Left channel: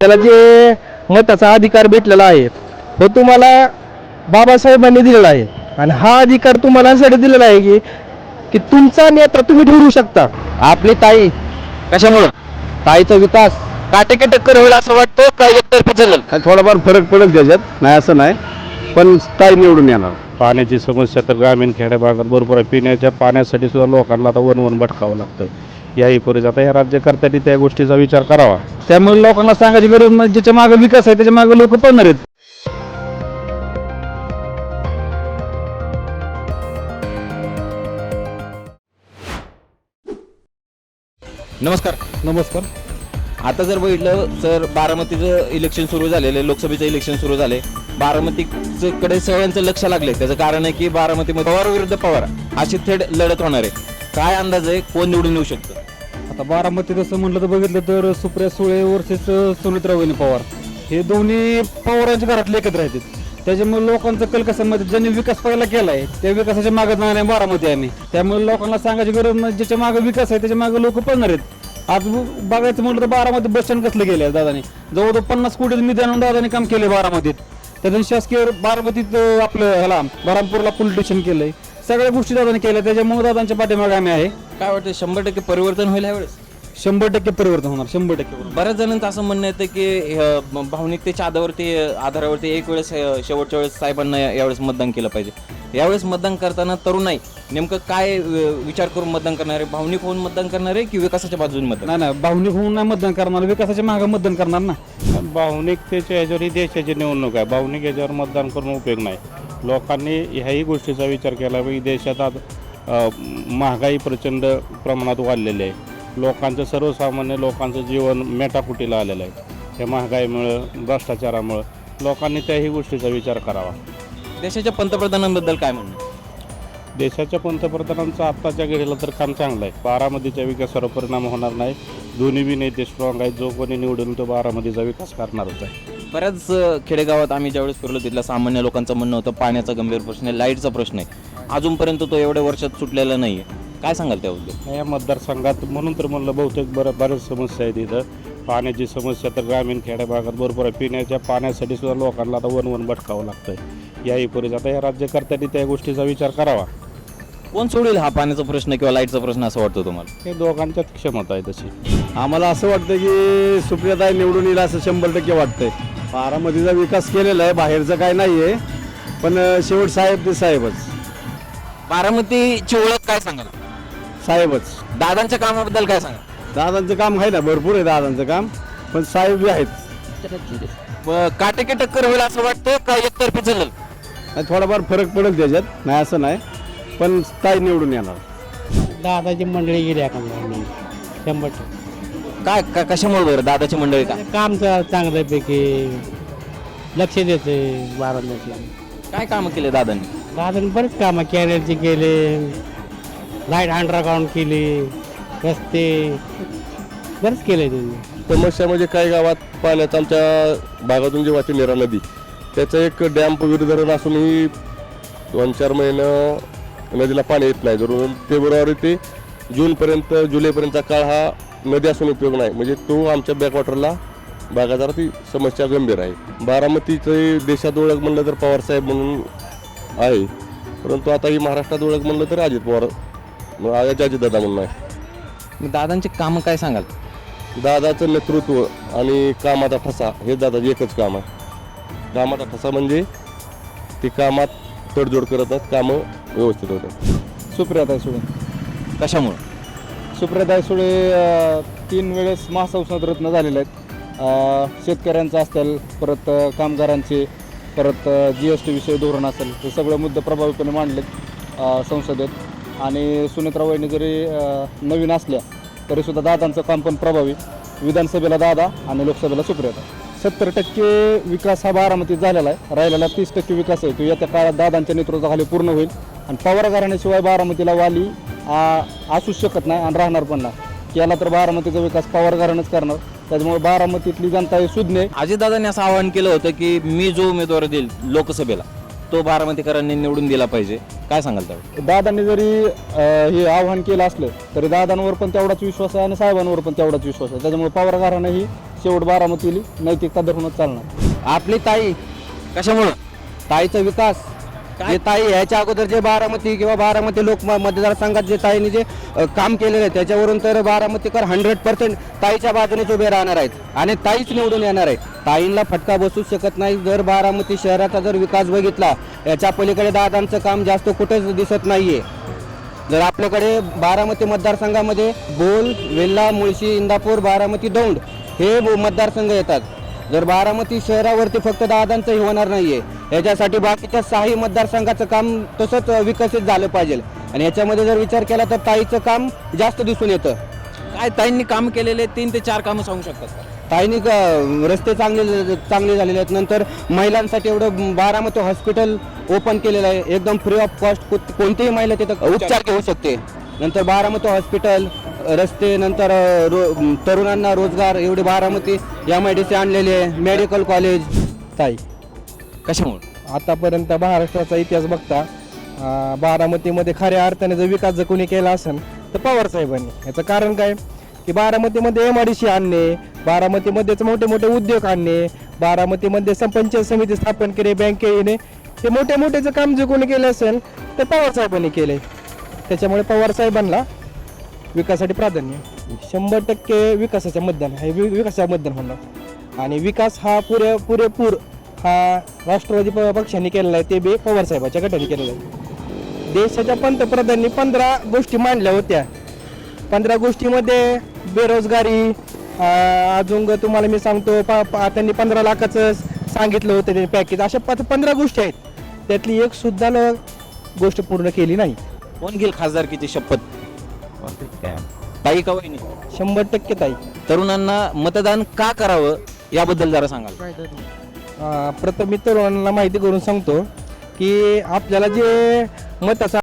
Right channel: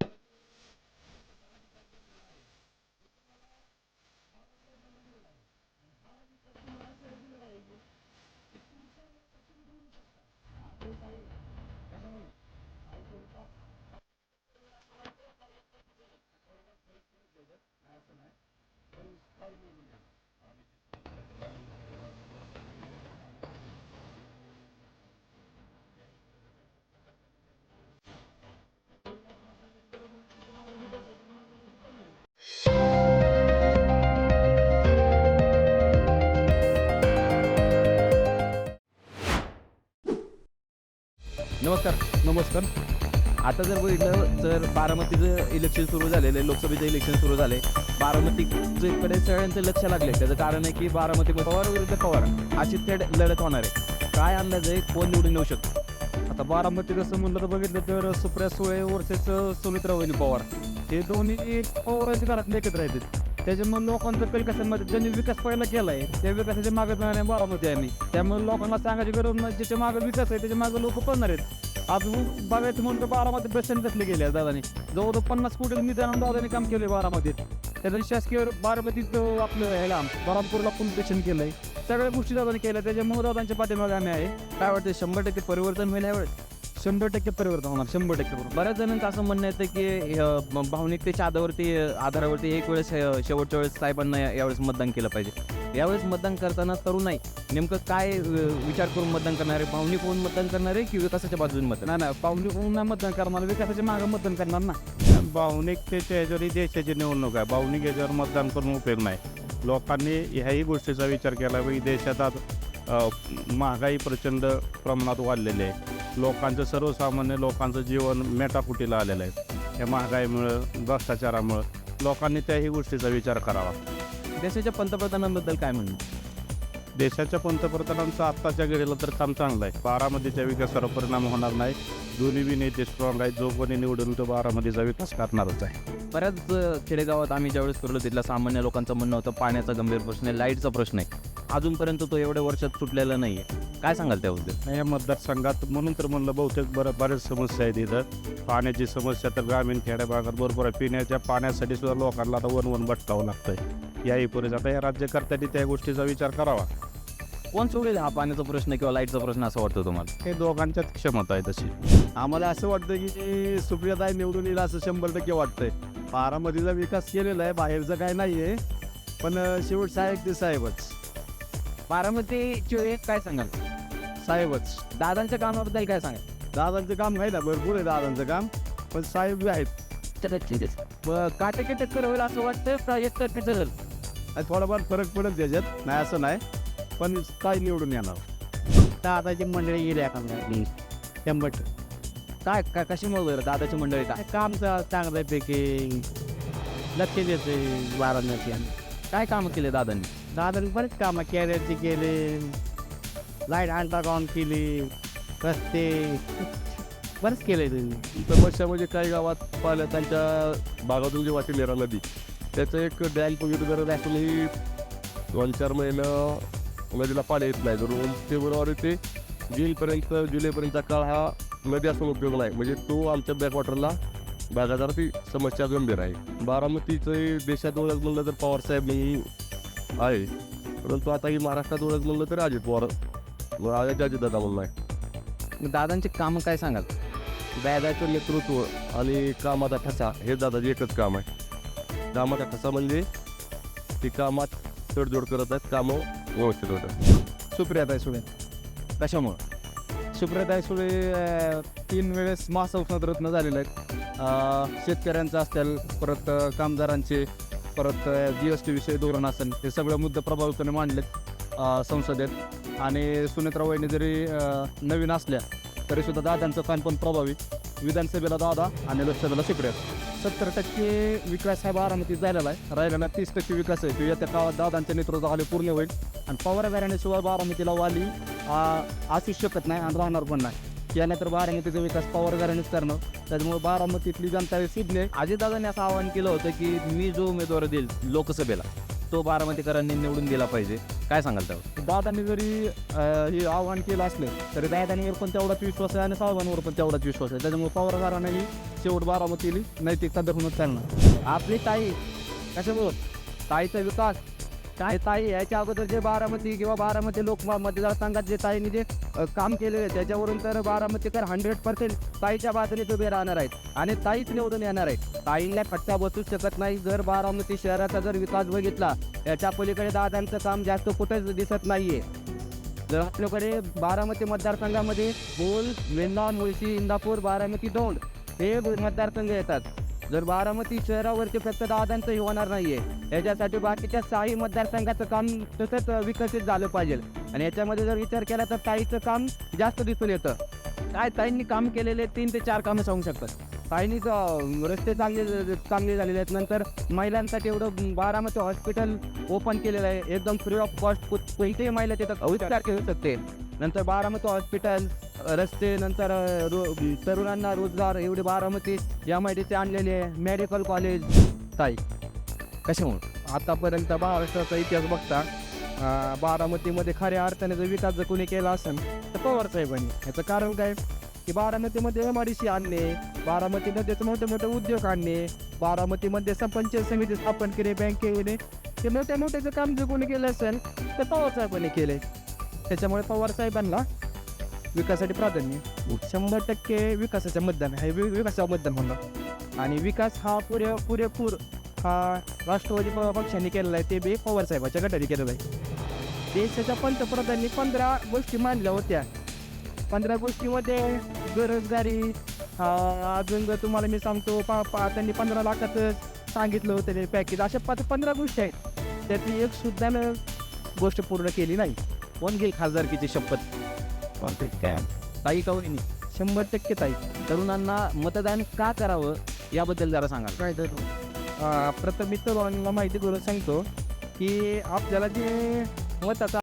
त्याला जे मताचा अधिकार भेटलेला आहे तो तुम्हाला बाबासाहेबांनी दिलेला आहे. आणि हा अधिकार तुम्हाला यासाठी दिलेला आहे की की तुमचा नेता तुम्ही ठरवू शकता. आपली ताई कशामुळं? ताईचा विकास काटेके टक्कर होईल असं वाटतं चालेल थोडाफार फरक पडेल त्याच्यात नाही असं नाही. पण ताई निवडून येणार. पाण्याची समस्या तर ग्रामीण खेड्या भागात भरपूर आहे. पिण्याच्या पाण्यासाठी सुद्धा लोकांना आता वन वन भटकावं लागतं. याही पूर्वी आता या राज्यकर्त्यांनी त्या गोष्टीचा विचार करावा. त्यामुळे लोकांना सांगायची गरज नाही. ज्याच्या मागे विकास आहे त्याच्यामागे लोक पळणार आहेत. नमस्कार. नमस्कार. आता जर बघितलं तर बारामतीचं इलेक्शन सुरू झालेलं आहे लोकसभेचं इलेक्शन सुरू झाले. बारामतीकडे सगळ्यांचं लक्ष लागले त्याचं कारण आहे की बारामतीमध्ये पवार विरुद्ध पवार. अशी थेट लढत होणार आहे. काय अंदाज आहे? कोण निवडून येऊ शकतं? आता बारामती तसं म्हटलं तर बघितलं तर सुप्रिया सुळे वर्सेस सुमित्रा वहिनी पवार. हे दोन्ही पवारांच्या घरातले एकत्र राहतील त्याच्यामुळे लोकांचं कल कसं म्हणजे ज्यांनी विकास पहिला केलाय त्या विकासाच्या मागे नाही बारामती यांनी त्यामुळे लोकांना सांगायची गरज नाही. ज्याच्या मागे विकास आहे त्याच्यामागे लोक पळणार आहेत. आज बघायचं म्हटलं तर बारामती बस स्टँड कसलं गेलं आहे दादाने? जवळजवळ पन्नास कोटी मी जाणून दादाने काम केले बारामतीत. त्यातून शासकीय बारामतीत आपलं ह्याला बारामपूरला पोलीस स्टेशन केलंय. सगळ्या गोष्टी दादानी केल्या त्याच्यामुळे दादांच्या पाठीमागे आम्ही आहे. काय वाटतं शंभर टक्के परिवर्तन होईल यावेळेस शंभर टक्के परिवर्तन होणार शंभर टक्के परिवर्तन. बऱ्याच जणांचं असं म्हणणं येतं की अ, भावनिकतेच्या आधारावरती आधारावरती एक वेळेस अ, शेवटच्या वेळेस साहेबांना यावेळेस मतदान केलं पाहिजे. यावेळेस मतदान करताना तरुण नाही नेमकं काय अ, विचार करून मतदान करणार? आहे भावनिक होऊन मतदान करणार आहे की विकासाच्या बाजूने मतदान? नाही नाही भावनिक होऊन नाही मतदान करणार विकासाच्या मागे मतदान करणार ना. भावनिकतेच्या ह्याच्यावर ही देशाची निवडणूक आहे. भावनिक याच्यावर मतदान करून उपयोग नाही. लोकांनी ह्याही गोष्टीचा विचार केला पाहिजे देशात आज अ, महागाई प्रचंड प्रमाणात वाढलेली आहे. लोकांचं सर्वसामान्य लोकांचं जीवन मेटाकुटीला आलेलं आहे. या महागाईमुळं भ्रष्टाचारामुळं लोकांनी त्याही गोष्टीचा विचार करावा. देशाच्या पंतप्रधानांबद्दल काय म्हणणं? देशाच्या पंतप्रधानांचं आत्ताच्या घडीला तर काम चांगलं आहे. बारामतीच्या विकासावर परिणाम होणार नाही. दोन्ही बी नेते स्ट्रॉंग आहेत जो कोणी निवडून तो बारामतीचा विकास करणारच आहे. बऱ्याच खेडेगावात आम्ही ज्यावेळेस फिरलो तिथल्या सामान्य लोकांचं म्हणणं होतं पाण्याचा गंभीर प्रश्न आहे लाईटचा प्रश्न आहे. अजूनपर्यंत तो एवढ्या वर्षात सुटलेला नाही आहे काय सांगाल त्याबद्दल? या मतदारसंघात म्हणून तर म्हणलं बहुतेक बरं बऱ्याच समस्या आहेत इथं. पाण्याची समस्या तर ग्रामीण खेड्या भागात भरपूर आहे. पिण्याच्या पाण्यासाठी सुद्धा लोकांना आता वन वन भटकावं लागतंय. याही पूर्वी आता या राज्यकर्त्यांनी त्या गोष्टीचा विचार करावा. कोण सोडेल हा पाण्याचा प्रश्न किंवा लाईटचा प्रश्न असं वाटतं तुम्हाला? हे दोघांच्यात क्षमता आहे तशी. आम्हाला असं वाटतं की सुप्रियाताई निवडून येईल असं शंभर टक्के वाटतंय. बारामतीचा विकास केलेला आहे बाहेरचं काय नाही आहे पण अं, शेवट साहेब ते साहेबच. बारामतीची ओळख काय सांगाल? साहेबच. दादांच्या कामाबद्दल काय सांगाल? दादांचं काम आहे ना भरपूर आहे दादांचं काम. पण साहेब बी आहेत. ब- काटेकी टक्कर होईल असं वाटतं का एकतर्फी चालेल? आणि थोडाफार फरक पडेल त्याच्यात. नाही असं नाही. पण ताई निवडून येणार? दादाची मंडळी गेली एखाद्या शंभर टक्के. काय का- कशामुळे बरं? दादाची मंडळी काय काम चा- चांगल्यापैकी लक्ष देते बारामती काय कामं केले दादांनी? दादाने बरेच कामं कॅरेलची केले लाइट अंडरग्राऊंड केली रस्ते बरेच केले त्यांनी. समस्या म्हणजे काही गावात पाण्यात आमच्या भागातून जी वाहती नेरा नदी त्याचं एक डॅम विरुद्धरण असूनही दोन चार महिनं नदीला पाणी येत नाही. धरून फेब्रुवारी ते जूनपर्यंत जुलैपर्यंतचा काळ हा नदी असून उपयोग नाही. म्हणजे तो आमच्या बॅकवॉटरला भागात ती समस्या गंभीर आहे. बारामतीचे देशात ओळख म्हणलं तर पवारसाहेब म्हणून आहे. परंतु आता ही महाराष्ट्रात ओळख म्हणलं तर अजित पवार अजित दादा म्हणून आहे. दादांची कामं काय सांगाल? दादाचं नेतृत्व आणि कामाचा ठसा हे दादाचं एकच काम आहे. कामाचा ठसा म्हणजे ते कामात तडजोड करत आहेत. कामं व्यवस्थित होतं. सुप्रिया सुळे कशामुळे? सुप्रिया सुळे तीन वेळेस महासंसद रत्न झालेले आहेत. शेतकऱ्यांचं असतील परत कामगारांचे परत जी एस टी विषयी धोरण असेल हे सगळे मुद्दे प्रभावीपणे मांडलेत संसदेत. आणि सुनेत्रा जरी नवीन असल्या तरीसुद्धा दादांचं काम पण प्रभावी. विधानसभेला दादा आणि लोकसभेला सुप्रियाता सत्तर टक्के विकास हा बारामतीत झालेला आहे. राहिलेला तीस टक्के विकास आहे. तो येत्या काळात दादांच्या नेतृत्वाखाली पूर्ण होईल. आणि पवार घराण्याशिवाय बारामतीला वाली असूच शकत नाही आणि राहणार पण नाही. केला तर बारामतीचा विकास पवार घराणंच करणार. त्याच्यामुळे बारामतीतली जनता हे सुज्ञ अजितदादांनी असं आवाहन केलं होतं की मी जो उमेदवार देईल लोकसभेला तो बारामतीकरांनी निवडून दिला पाहिजे. काय सांगाल त्यावर? दादांनी जरी अ, हे आव्हान केलं असलं तरी दादांवर पण तेवढाच विश्वास आहे आणि साहेबांवर पण तेवढाच विश्वास आहे. त्याच्यामुळे पवार घराणं ही शेवट बारामतीली नैतिकता धरूनच चालणार. आपली ताई कशामुळं? ताईचा विकास. जे ताई याच्या अगोदर जे बारामती किंवा बारामती लोक मतदारसंघात जे ताईने जे अ, काम केलेलं आहे त्याच्यावरून तर बारामतीकर हंड्रेड पर्सेंट ताईच्या बाजूनेच उभे राहणार आहेत आणि ताईच निवडून येणार आहे ताईंना फटका बसू शकत नाही. जर बारामती शहराचा जर विकास बघितला याच्या पलीकडे दादांचं काम जास्त कुठेच दिसत नाहीये. जर आपल्याकडे बारामती मतदारसंघामध्ये बोल वेल्ला मुळशी इंदापूर बारामती दौंड हे ब- मतदारसंघ येतात. जर बारामती शहरावरती फक्त दादांचंही होणार नाहीये याच्यासाठी बाकीच्या सहाही मतदारसंघाचं काम तसंच विकसित झालं पाहिजे. आणि याच्यामध्ये जर विचार केला तर ताईचं काम जास्त दिसून येतं. काय ताईंनी काम केलेले तीन ते चार कामं सांगू शकतात? ताईंनी रस्ते चांगले चांगले झालेले आहेत. नंतर महिलांसाठी एवढं बारामती हॉस्पिटल ओपन केलेलं आहे. एकदम फ्री ऑफ कॉस्ट कोणतीही महिला तिथं उपचार घेऊ शकते. नंतर बारामती हॉस्पिटल रस्ते नंतर रो तरुणांना रोजगार एवढे Baramati M I D C आणलेले आहे. Medical college. ताई. कशामुळे? आतापर्यंत महाराष्ट्राचा इतिहास बघता अं, बारामतीमध्ये खऱ्या अर्थाने जर विकास जर कोणी केला असेल तर पवार साहेबांनी. याचं कारण काय? की बारामतीमध्ये एम आय डी सी आणणे बारामतीमध्येच मोठे मोठे उद्योग आणणे बारामतीमध्ये संपंचायत समिती स्थापन केली बँके येणे ते मोठ्या जर काम जे कोणी केलं असेल तर पवार साहेबांनी आहे त्याच्यामुळे पवार साहेबांना विकासासाठी प्राधान्य. शंभर टक्के विकासाचं मतदान हे वि- विकासाचं मतदान होणार. आणि विकास हा पुरे पुरेपूर हा राष्ट्रवादी प- पक्षाने केलेला आहे ते बी पवार साहेबाच्या गटाने केलेला आहे. देशाच्या पंतप्रधानांनी पंधरा गोष्टी मांडल्या होत्या. पंधरा गोष्टीमध्ये बेरोजगारी अं, अजून तुम्हाला मी सांगतो पा पा- त्यांनी पंधरा लाखाचं सांगितलं होतं ते पॅकेज अशा पाच पंधरा गोष्टी आहेत. त्यातली एक सुद्धा न गोष्ट पूर्ण केली नाही. कोण घेईल खासदारकीची शपथ? ताई का वहिनी? शंभर टक्के ताई. तरुणांना मतदान का करावं याबद्दल जरा सांगाल. अं, प्रथम मी तरुणांना माहिती करून सांगतो की आपल्याला जे मताचा